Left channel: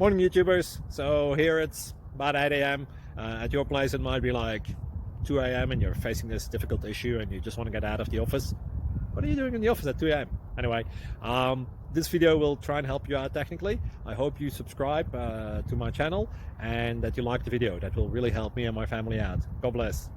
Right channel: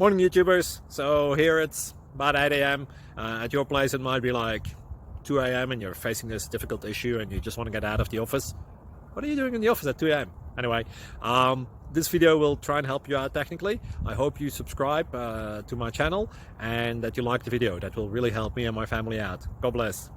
Morning YouTubers. So here it's about 8 a.m. At your place it might be like 2 a.m. and you're facing this difficult issue and you just want to get out of the office. What are you doing in the office at 2 a.m.? Anyway, this video will try and help you out technically. I hope you subscribe to my channel and that you like the video. That will really help me and my family out. God bless.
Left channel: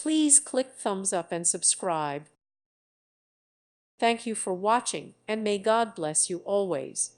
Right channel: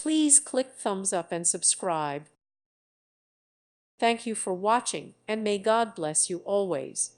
Please click thumbs up and subscribe. Thank you for watching, and may God bless you always.